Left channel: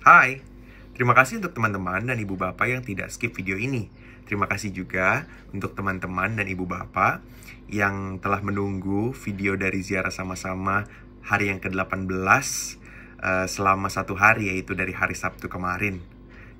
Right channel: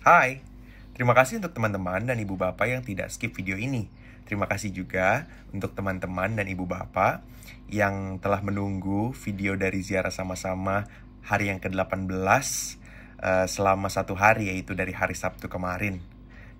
Hai, terima kasih untuk teman-teman dan ibu bapak yang tidak skip video ini. Terima kasih juga untuk teman-teman dan ibu bapak yang telah menunggu video dari ziarah sama-sama hari yang ke-18 selama 1 hari, yaitu dari hari Sabtu kemarin.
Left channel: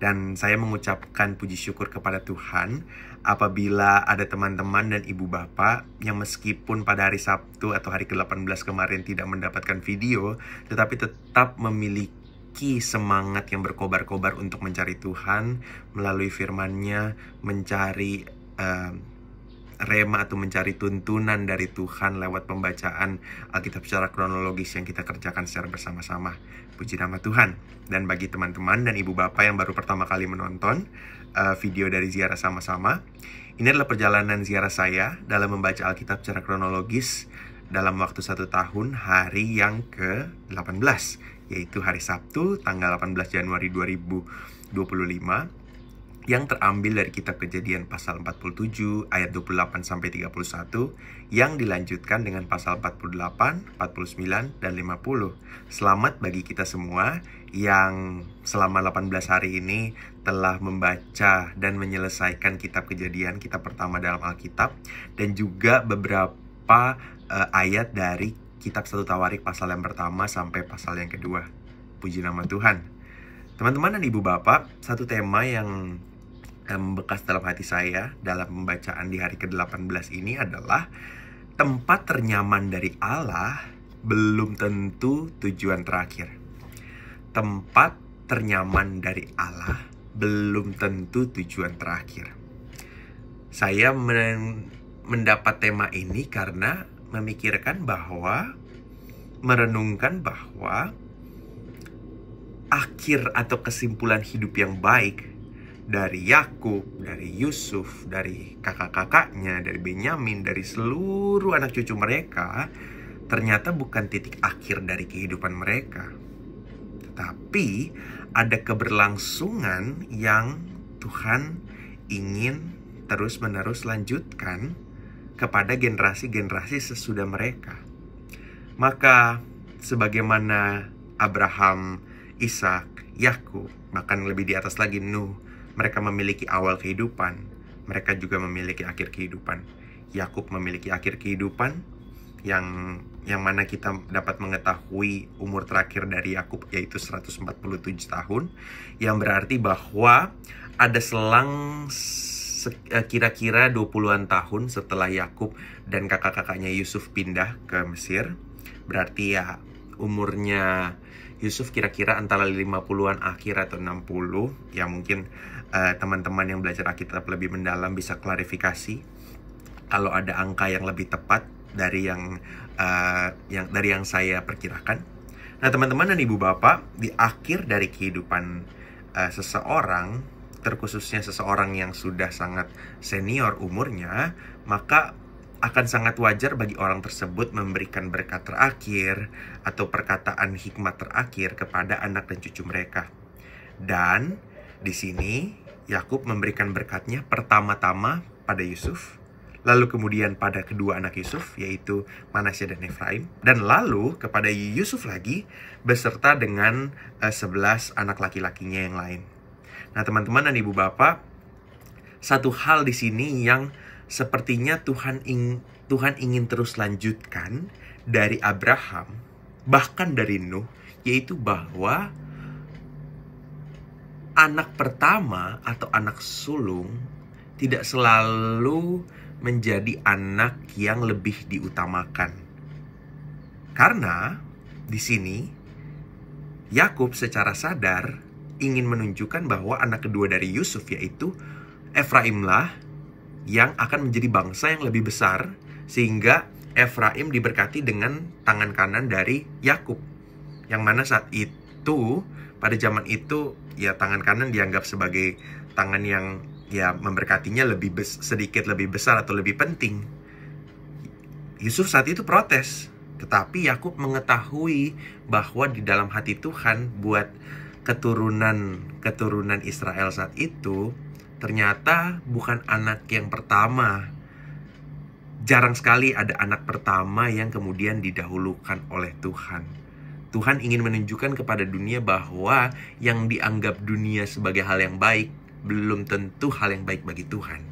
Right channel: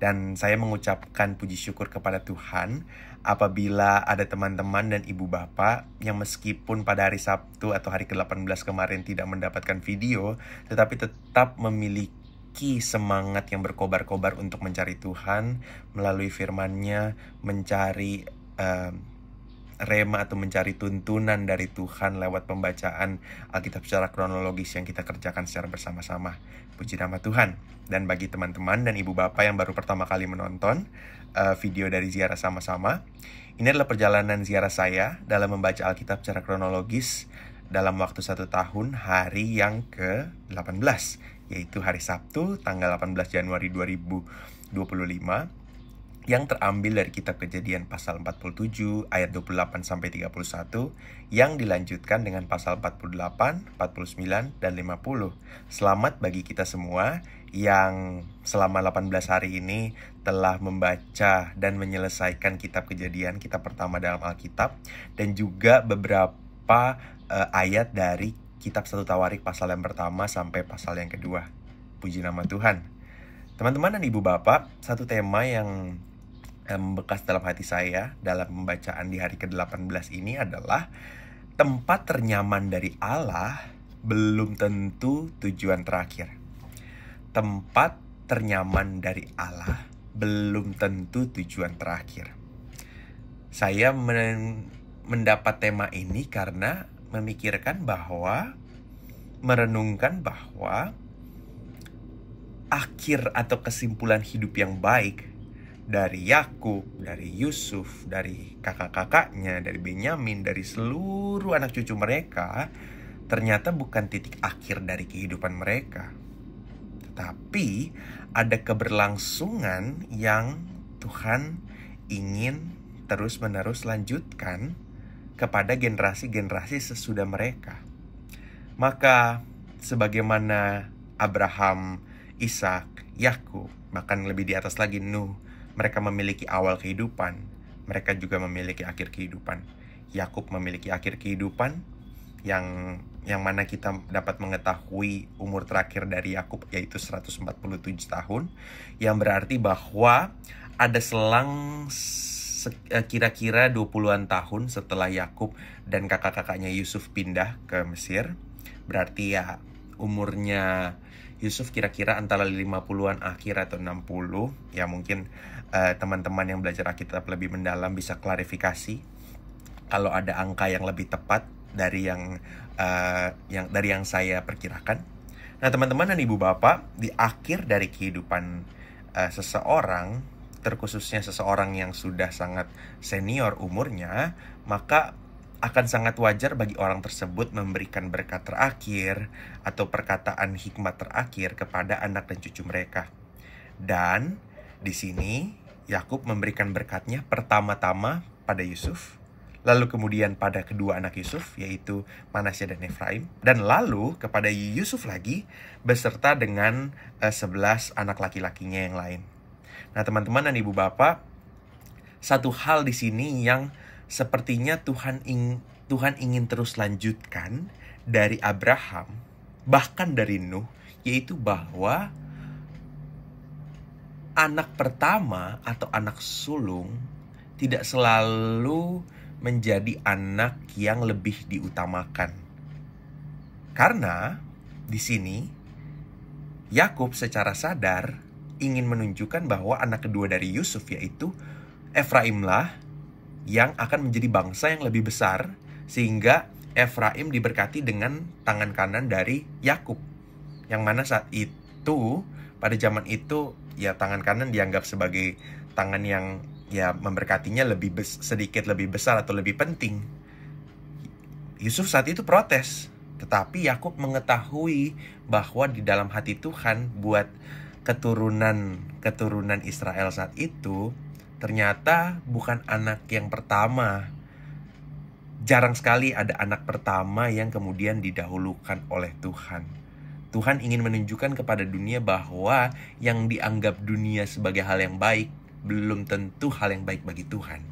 Dan saya mengucapkan puji syukur kepada Tuhan apabila ada teman-teman dan ibu bapak yang meskipun pada hari Sabtu atau hari ke-18 kemarin tidak mendapatkan video, tetapi tetap memiliki semangat yang berkobar-kobar untuk mencari Tuhan melalui firman-Nya, mencari rema atau mencari tuntunan dari Tuhan lewat pembacaan Alkitab secara kronologis yang kita kerjakan secara bersama-sama. Puji nama Tuhan. Dan bagi teman-teman dan ibu bapak yang baru pertama kali menonton video dari ziarah sama-sama, ini adalah perjalanan ziarah saya dalam membaca Alkitab secara kronologis dalam waktu 1 tahun, hari yang ke-18, yaitu hari Sabtu tanggal 18 Januari 2025, yang terambil dari kitab Kejadian pasal 47 ayat 28 sampai 31, yang dilanjutkan dengan pasal 48, 49 dan 50. Selamat bagi kita semua yang selama 18 hari ini telah membaca dan menyelesaikan kitab Kejadian, kitab pertama dalam Alkitab, dan juga beberapa ayat dari kitab 1 Tawarik pasal yang pertama sampai pasal yang kedua. Puji nama Tuhan. Teman-teman dan ibu bapak, satu tema yang membekas dalam hati saya dalam pembacaan di hari ke-18 ini adalah tempat ternyaman dari Allah belum tentu tujuan terakhir. Tempat ternyaman dari Allah belum tentu tujuan terakhir. Saya mendapat tema ini karena merenungkan bahwa akhir atau kesimpulan hidup yang baik dari Yakub, dari Yusuf, dari kakak-kakaknya, dari Benyamin, dari seluruh anak cucu mereka, ternyata bukan titik akhir dari kehidupan mereka. Tetapi ada keberlangsungan yang Tuhan ingin terus-menerus lanjutkan kepada generasi-generasi sesudah mereka. Maka sebagaimana Abraham, Ishak, Yakub, bahkan lebih di atas lagi Nuh, mereka memiliki awal kehidupan, mereka juga memiliki akhir kehidupan. Yakub memiliki akhir kehidupan yang mana kita dapat mengetahui umur terakhir dari Yakub yaitu 147 tahun, yang berarti bahwa ada selang kira-kira 20-an tahun setelah Yakub dan kakak-kakaknya Yusuf pindah ke Mesir. Berarti ya umurnya Yusuf kira-kira antara 50-an akhir atau 60. Ya mungkin teman-teman yang belajar Alkitab lebih mendalam bisa klarifikasi kalau ada angka yang lebih tepat dari yang saya perkirakan. Nah, teman-teman dan ibu bapak, di akhir dari kehidupan seseorang, terkhususnya seseorang yang sudah sangat senior umurnya, maka akan sangat wajar bagi orang tersebut memberikan berkat terakhir atau perkataan hikmat terakhir kepada anak dan cucu mereka. Dan di sini Yakub memberikan berkatnya pertama-tama pada Yusuf, lalu kemudian pada kedua anak Yusuf yaitu Manasya dan Efraim, dan lalu kepada Yusuf lagi beserta dengan 11 anak laki-lakinya yang lain. Nah, teman-teman dan ibu bapak, satu hal di sini yang sepertinya Tuhan ingin terus lanjutkan dari Abraham, bahkan dari Nuh, yaitu bahwa anak pertama atau anak sulung tidak selalu menjadi anak yang lebih diutamakan. Karena di sini Yakub secara sadar ingin menunjukkan bahwa anak kedua dari Yusuf yaitu Efraimlah yang akan menjadi bangsa yang lebih besar, sehingga Efraim diberkati dengan tangan kanan dari Yakub, yang mana saat itu, pada zaman itu, ya tangan kanan dianggap sebagai tangan yang ya memberkatinya sedikit lebih besar atau lebih penting. Yusuf saat itu protes, tetapi Yakub mengetahui bahwa di dalam hati Tuhan buat keturunan Israel saat itu ternyata bukan anak yang pertama. Jarang sekali ada anak pertama yang kemudian didahulukan oleh Tuhan. Tuhan ingin menunjukkan kepada dunia bahwa yang dianggap dunia sebagai hal yang baik belum tentu hal yang baik bagi Tuhan.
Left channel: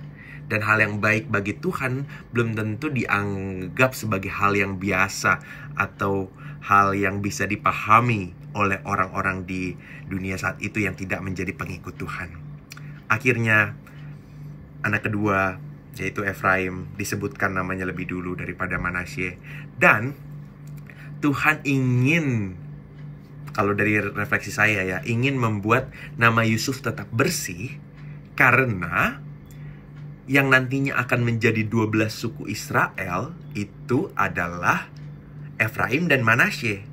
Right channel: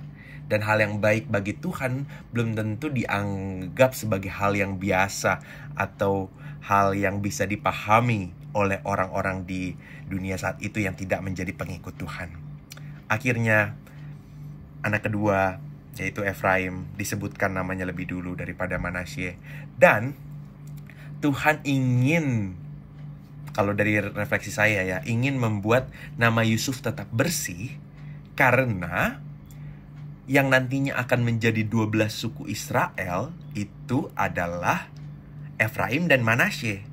Dan hal yang baik bagi Tuhan belum tentu dianggap sebagai hal yang biasa atau hal yang bisa dipahami oleh orang-orang di dunia saat itu yang tidak menjadi pengikut Tuhan. Akhirnya anak kedua, yaitu Efraim, disebutkan namanya lebih dulu daripada Manasye. Dan Tuhan ingin, kalau dari refleksi saya ya, ingin membuat nama Yusuf tetap bersih, karena yang nantinya akan menjadi 12 suku Israel itu adalah Efraim dan Manasye.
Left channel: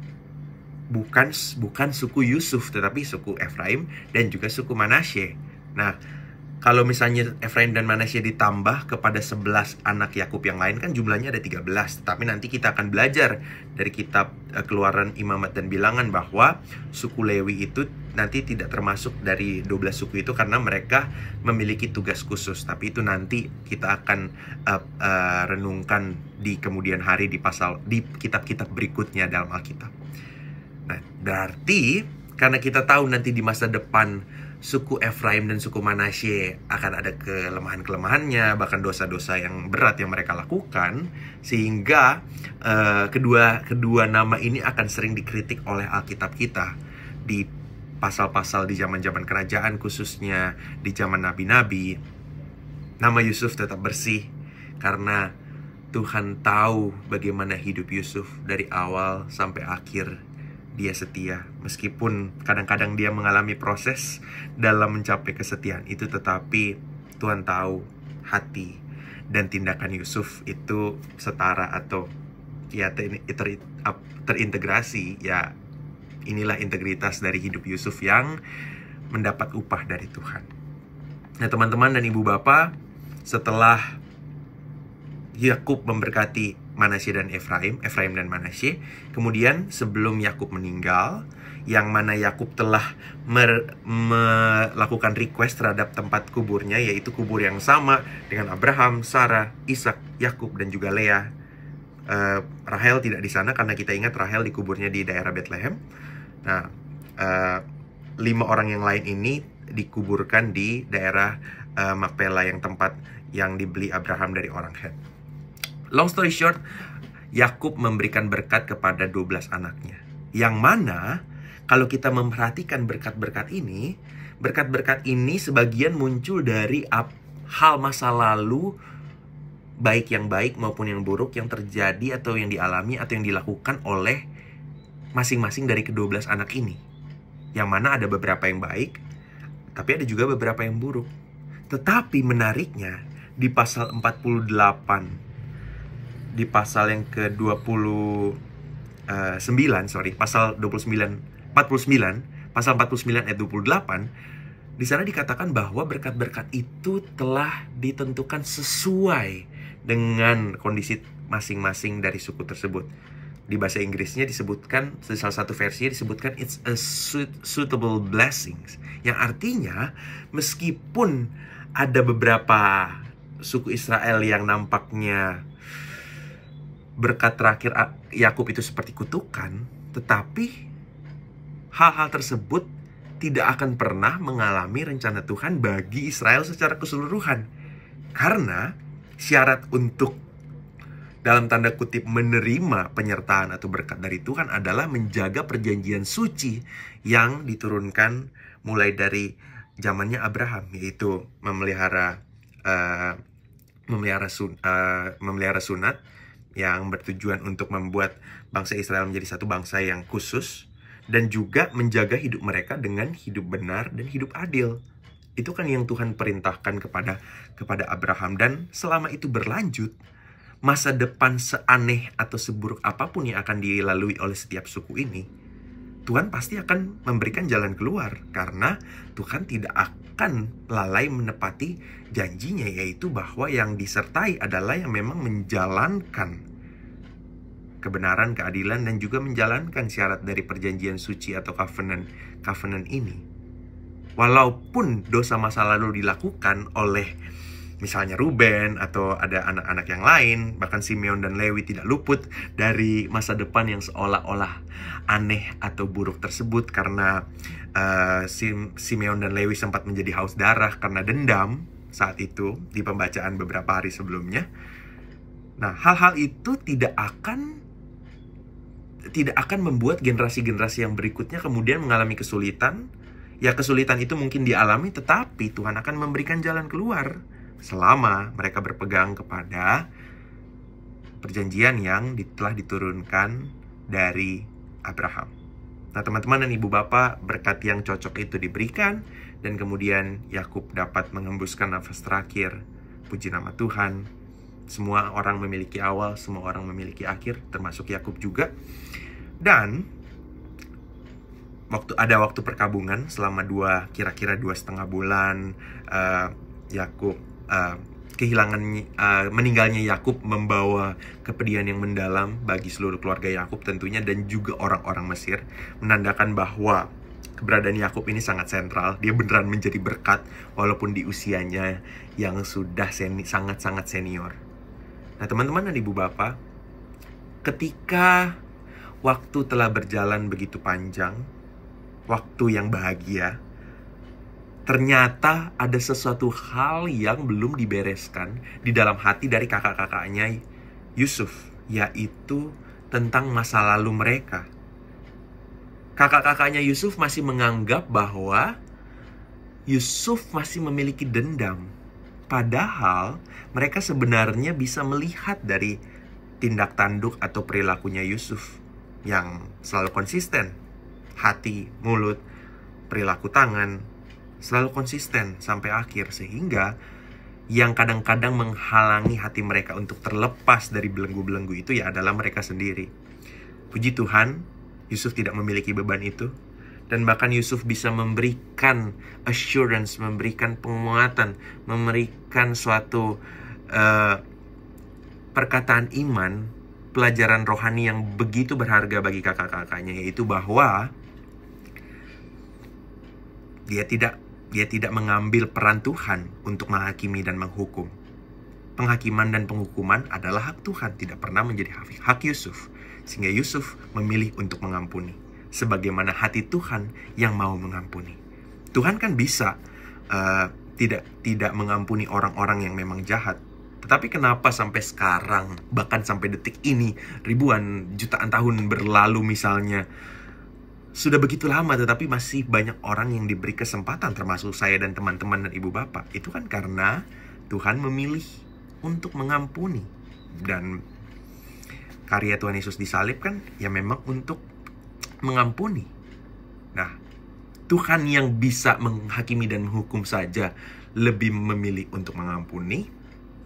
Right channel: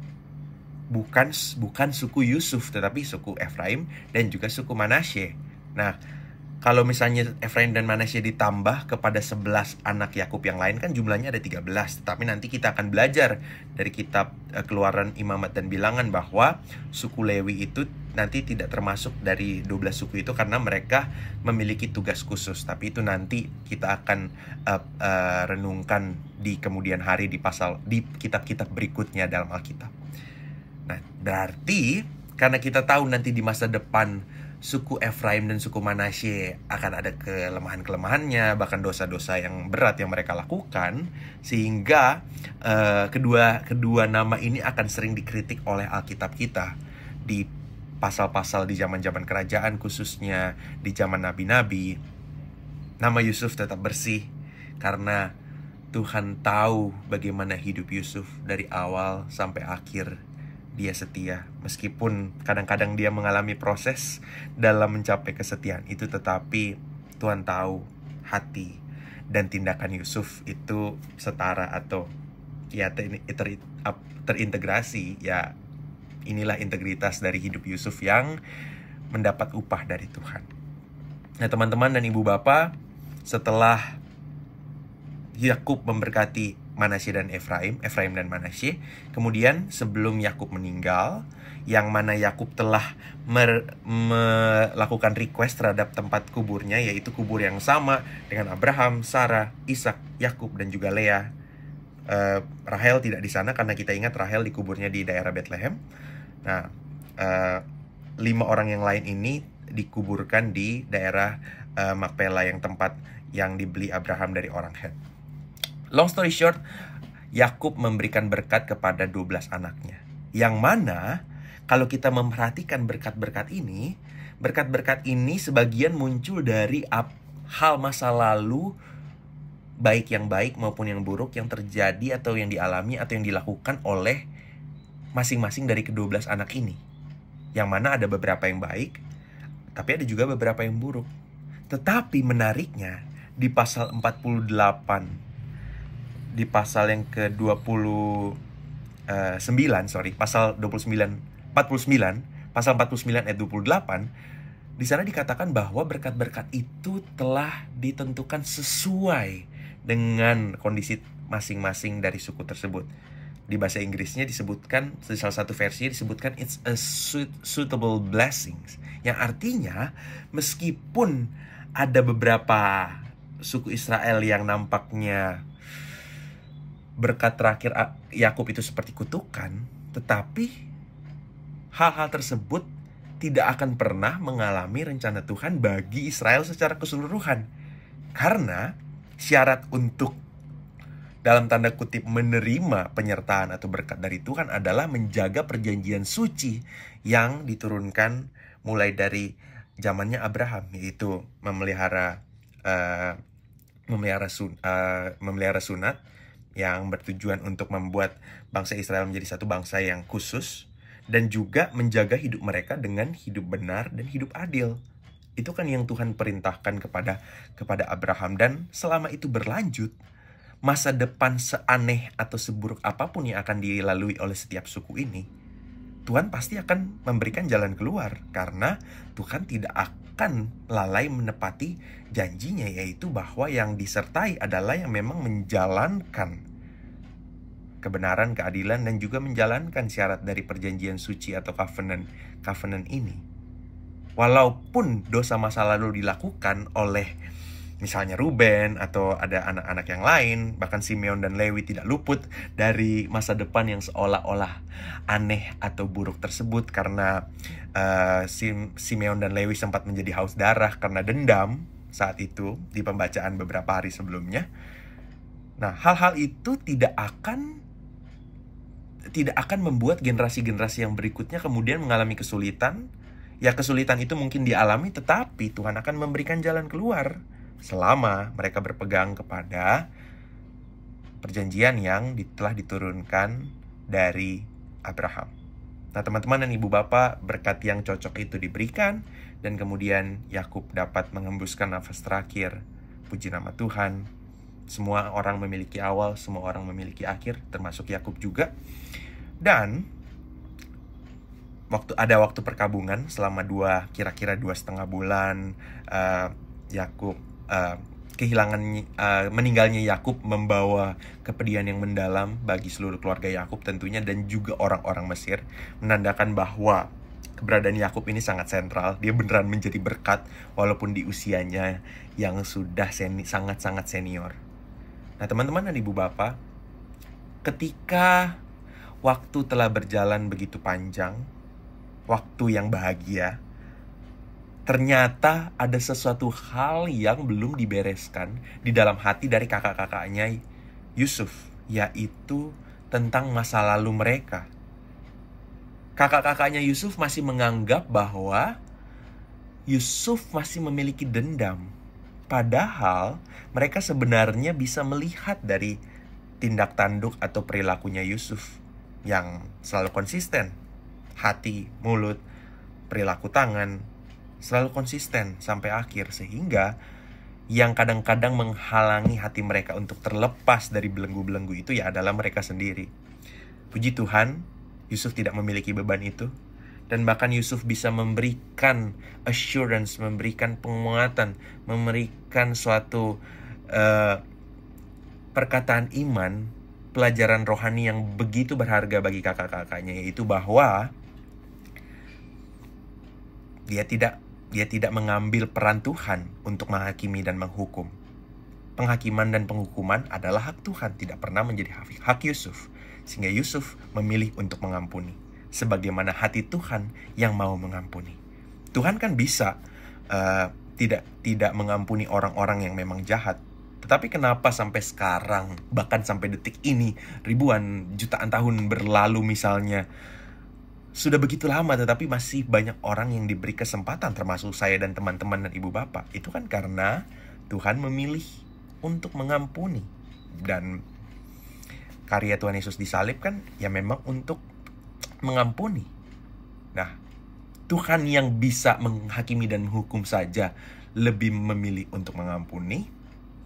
Bukan suku Yusuf, tetapi suku Efraim dan juga suku Manasye. Nah, kalau misalnya Efraim dan Manasye ditambah kepada 11 anak Yakub yang lain, kan jumlahnya ada 13. Tapi nanti kita akan belajar dari kitab Keluaran, Imamat, dan Bilangan bahwa suku Lewi itu nanti tidak termasuk dari 12 suku itu karena mereka memiliki tugas khusus. Tapi itu nanti kita akan renungkan di kemudian hari di kitab-kitab berikutnya dalam Alkitab. Nah, berarti karena kita tahu nanti di masa depan suku Efraim dan suku Manasye akan ada kelemahan-kelemahannya, bahkan dosa-dosa yang berat yang mereka lakukan, sehingga kedua nama ini akan sering dikritik oleh Alkitab kita di pasal-pasal di zaman-zaman kerajaan, khususnya di zaman nabi-nabi. Nama Yusuf tetap bersih karena Tuhan tahu bagaimana hidup Yusuf dari awal sampai akhir. Dia setia, meskipun kadang-kadang dia mengalami proses dalam mencapai kesetiaan itu, tetapi Tuhan tahu hati dan tindakan Yusuf itu setara atau ya terintegrasi. Ya, inilah integritas dari hidup Yusuf yang mendapat upah dari Tuhan. Nah, teman-teman dan ibu bapak, setelah Yakub memberkati Manasye dan Efraim dan Manasye, kemudian sebelum Yakub meninggal, yang mana Yakub telah melakukan request terhadap tempat kuburnya, yaitu kubur yang sama dengan Abraham, Sarah, Ishak, Yakub, dan juga Leah. Rahel tidak di sana karena kita ingat Rahel dikuburnya di daerah Bethlehem. Nah, 5 orang yang lain ini dikuburkan di daerah Makpela, yang tempat yang dibeli Abraham dari orang Het. Long story short, Yakub memberikan berkat kepada 12 anaknya. Yang mana kalau kita memperhatikan berkat-berkat ini sebagian muncul dari hal masa lalu, baik yang baik maupun yang buruk, yang terjadi atau yang dialami atau yang dilakukan oleh masing-masing dari ke-12 anak ini. Yang mana ada beberapa yang baik, tapi ada juga beberapa yang buruk. Tetapi menariknya, di pasal 48, di pasal yang ke-49, pasal 49, pasal 49 ayat 28, di sana dikatakan bahwa berkat-berkat itu telah ditentukan sesuai dengan kondisi masing-masing dari suku tersebut. Di bahasa Inggrisnya disebutkan, di salah satu versinya disebutkan it's a suitable blessings, yang artinya meskipun ada beberapa suku Israel yang nampaknya berkat terakhir Yakub itu seperti kutukan, tetapi hal-hal tersebut tidak akan pernah mengalami rencana Tuhan bagi Israel secara keseluruhan. Karena syarat untuk dalam tanda kutip menerima penyertaan atau berkat dari Tuhan adalah menjaga perjanjian suci yang diturunkan mulai dari zamannya Abraham, yaitu memelihara sunat yang bertujuan untuk membuat bangsa Israel menjadi satu bangsa yang khusus, dan juga menjaga hidup mereka dengan hidup benar dan hidup adil. Itu kan yang Tuhan perintahkan kepada Abraham, dan selama itu berlanjut, masa depan seaneh atau seburuk apapun yang akan dilalui oleh setiap suku ini, Tuhan pasti akan memberikan jalan keluar, karena Tuhan tidak akan lalai menepati janjinya, yaitu bahwa yang disertai adalah yang memang menjalankan kebenaran, keadilan, dan juga menjalankan syarat dari perjanjian suci atau covenant ini. Walaupun dosa masa lalu dilakukan oleh misalnya Ruben atau ada anak-anak yang lain, bahkan Simeon dan Lewi tidak luput dari masa depan yang seolah-olah aneh atau buruk tersebut karena Simeon dan Lewi sempat menjadi haus darah karena dendam saat itu di pembacaan beberapa hari sebelumnya. Nah, hal-hal itu tidak akan membuat generasi-generasi yang berikutnya kemudian mengalami kesulitan. Ya, kesulitan itu mungkin dialami, tetapi Tuhan akan memberikan jalan keluar selama mereka berpegang kepada perjanjian yang telah diturunkan dari Abraham. Nah, teman-teman dan ibu bapak, berkat yang cocok itu diberikan, dan kemudian Yakub dapat mengembuskan nafas terakhir. Puji nama Tuhan. Semua orang memiliki awal, semua orang memiliki akhir, termasuk Yakub juga. Dan waktu perkabungan selama kira-kira 2,5 bulan, Yakub meninggalnya Yakub membawa kepedihan yang mendalam bagi seluruh keluarga Yakub tentunya, dan juga orang-orang Mesir, menandakan bahwa keberadaan Yakub ini sangat sentral. Dia beneran menjadi berkat walaupun di usianya yang sudah sangat-sangat senior. Nah, teman-teman dan ibu bapak, ketika waktu telah berjalan begitu panjang, waktu yang bahagia, ternyata ada sesuatu hal yang belum dibereskan di dalam hati dari kakak-kakaknya Yusuf, yaitu tentang masa lalu mereka. Kakak-kakaknya Yusuf masih menganggap bahwa Yusuf masih memiliki dendam. Padahal mereka sebenarnya bisa melihat dari tindak tanduk atau perilakunya Yusuf yang selalu konsisten. Hati, mulut, perilaku tangan selalu konsisten sampai akhir, sehingga yang kadang-kadang menghalangi hati mereka untuk terlepas dari belenggu-belenggu itu ya adalah mereka sendiri. Puji Tuhan, Yusuf tidak memiliki beban itu, dan bahkan Yusuf bisa memberikan assurance, memberikan penguatan, memberikan suatu perkataan iman, pelajaran rohani yang begitu berharga bagi kakak-kakaknya, yaitu bahwa dia tidak mengambil peran Tuhan untuk menghakimi dan menghukum. Penghakiman dan penghukuman adalah hak Tuhan, tidak pernah menjadi hak Yusuf. Sehingga Yusuf memilih untuk mengampuni, sebagaimana hati Tuhan yang mau mengampuni. Tuhan kan bisa tidak mengampuni orang-orang yang memang jahat. Tetapi kenapa sampai sekarang, bahkan sampai detik ini, ribuan jutaan tahun berlalu misalnya, sudah begitu lama tetapi masih banyak orang yang diberi kesempatan, termasuk saya dan teman-teman dan ibu bapak. Itu kan karena Tuhan memilih untuk mengampuni. Dan karya Tuhan Yesus disalib kan ya memang untuk mengampuni. Nah, Tuhan yang bisa menghakimi dan menghukum saja lebih memilih untuk mengampuni,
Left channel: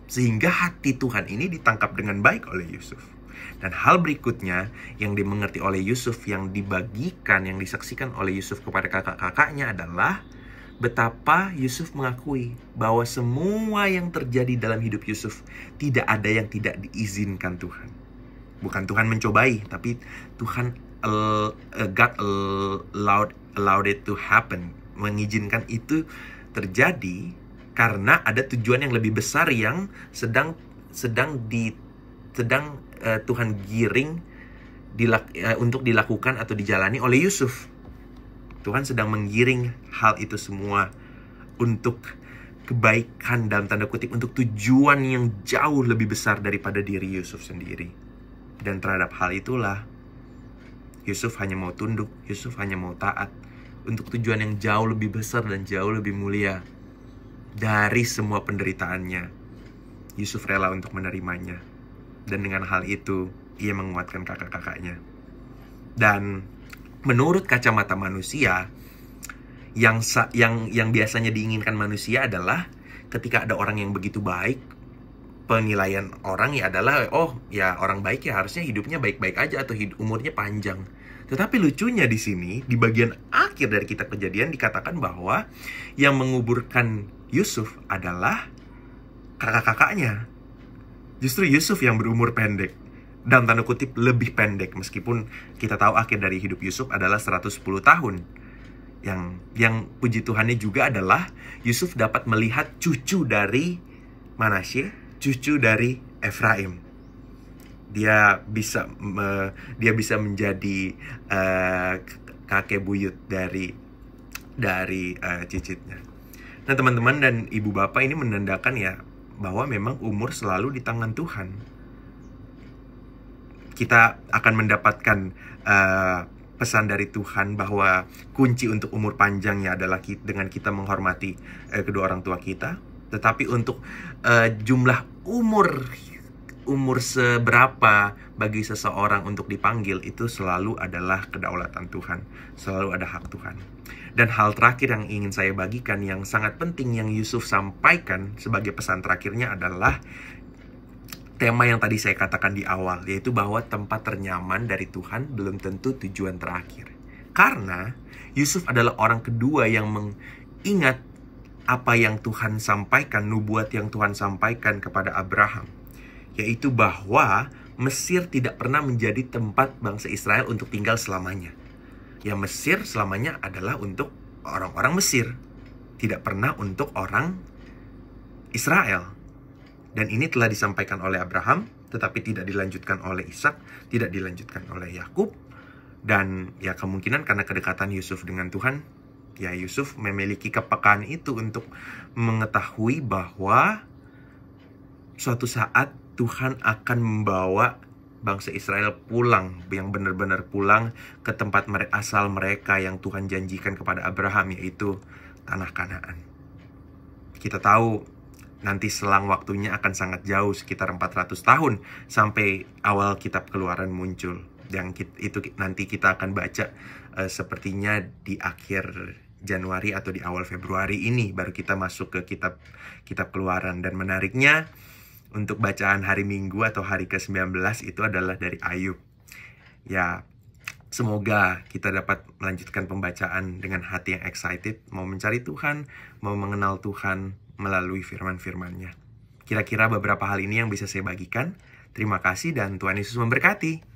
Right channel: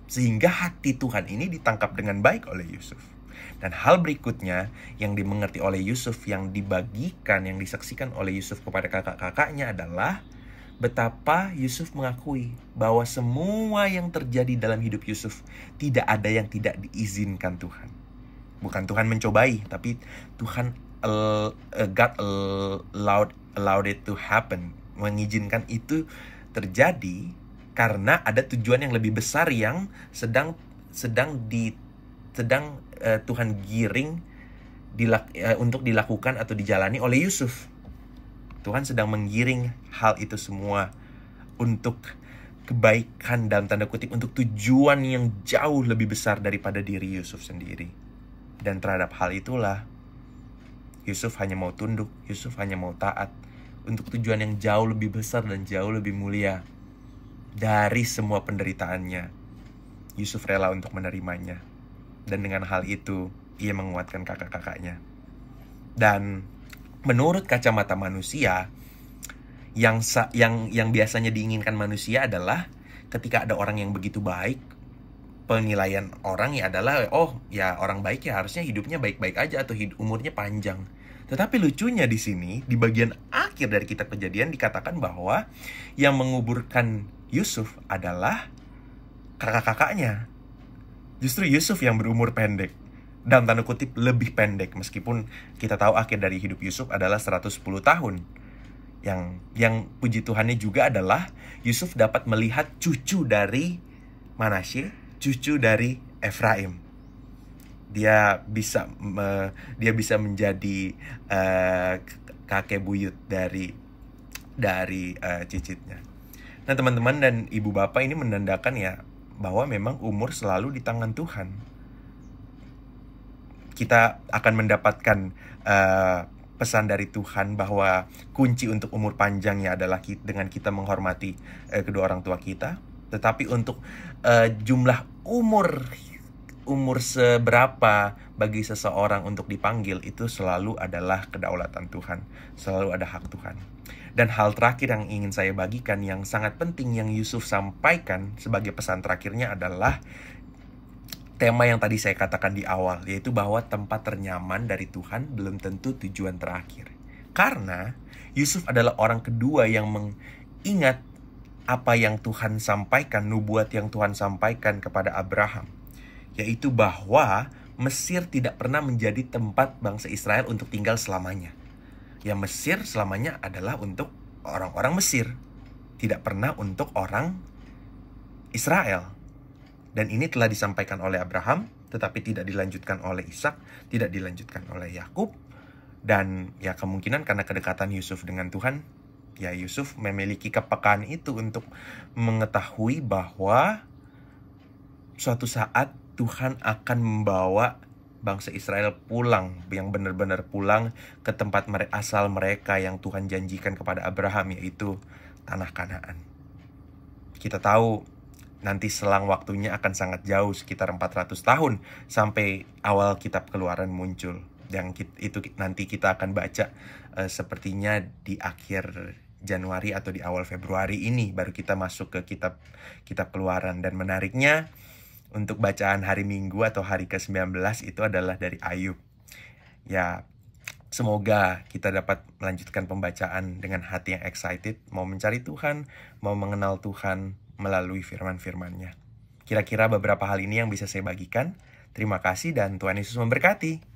sehingga hati Tuhan ini ditangkap dengan baik oleh Yusuf. Dan hal berikutnya yang dimengerti oleh Yusuf, yang dibagikan, yang disaksikan oleh Yusuf kepada kakak-kakaknya adalah betapa Yusuf mengakui bahwa semua yang terjadi dalam hidup Yusuf tidak ada yang tidak diizinkan Tuhan. Bukan Tuhan mencobai, tapi Tuhan God allowed it to happen, mengizinkan itu terjadi karena ada tujuan yang lebih besar yang sedang Tuhan giring untuk dilakukan atau dijalani oleh Yusuf. Tuhan sedang menggiring hal itu semua untuk kebaikan, dalam tanda kutip, untuk tujuan yang jauh lebih besar daripada diri Yusuf sendiri. Dan terhadap hal itulah Yusuf hanya mau tunduk, Yusuf hanya mau taat untuk tujuan yang jauh lebih besar dan jauh lebih mulia. Dari semua penderitaannya, Yusuf rela untuk menerimanya. Dan dengan hal itu, ia menguatkan kakak-kakaknya. Dan menurut kacamata manusia, yang biasanya diinginkan manusia adalah ketika ada orang yang begitu baik, penilaian orang ya adalah, oh ya orang baik ya harusnya hidupnya baik-baik aja atau umurnya panjang. Tetapi lucunya di sini, di bagian akhir dari kitab Kejadian dikatakan bahwa yang menguburkan Yusuf adalah kakak-kakaknya. Justru Yusuf yang berumur pendek, dalam tanda kutip lebih pendek, meskipun kita tahu akhir dari hidup Yusuf adalah 110 tahun. Yang puji Tuhannya juga adalah Yusuf dapat melihat cucu dari Manasye, cucu dari Efraim. Dia bisa menjadi kakek buyut dari cicitnya. Nah, teman-teman dan ibu bapak, ini menandakan ya bahwa memang umur selalu di tangan Tuhan. Kita akan mendapatkan pesan dari Tuhan bahwa kunci untuk umur panjangnya adalah dengan kita menghormati kedua orang tua kita. Tetapi untuk jumlah umur seberapa bagi seseorang untuk dipanggil, itu selalu adalah kedaulatan Tuhan, selalu ada hak Tuhan. Dan hal terakhir yang ingin saya bagikan, yang sangat penting yang Yusuf sampaikan sebagai pesan terakhirnya adalah tema yang tadi saya katakan di awal, yaitu bahwa tempat ternyaman dari Tuhan belum tentu tujuan terakhir. Karena Yusuf adalah orang kedua yang mengingat apa yang Tuhan sampaikan, nubuat yang Tuhan sampaikan kepada Abraham, yaitu bahwa Mesir tidak pernah menjadi tempat bangsa Israel untuk tinggal selamanya. Ya, Mesir selamanya adalah untuk orang-orang Mesir, tidak pernah untuk orang Israel. Dan ini telah disampaikan oleh Abraham, tetapi tidak dilanjutkan oleh Ishak, tidak dilanjutkan oleh Yakub. Dan ya kemungkinan karena kedekatan Yusuf dengan Tuhan, ya Yusuf memiliki kepekaan itu untuk mengetahui bahwa suatu saat Tuhan akan membawa bangsa Israel pulang, yang benar-benar pulang ke tempat asal mereka yang Tuhan janjikan kepada Abraham, yaitu tanah Kanaan. Kita tahu nanti selang waktunya akan sangat jauh, sekitar 400 tahun sampai awal kitab Keluaran muncul. Yang itu nanti kita akan baca sepertinya di akhir Januari atau di awal Februari ini baru kita masuk ke kitab Keluaran. Dan menariknya, untuk bacaan hari Minggu atau hari ke-19 itu adalah dari Ayub. Ya, semoga kita dapat melanjutkan pembacaan dengan hati yang excited, mau mencari Tuhan, mau mengenal Tuhan melalui firman-firman-Nya. Kira-kira beberapa hal ini yang bisa saya bagikan. Terima kasih dan Tuhan Yesus memberkati.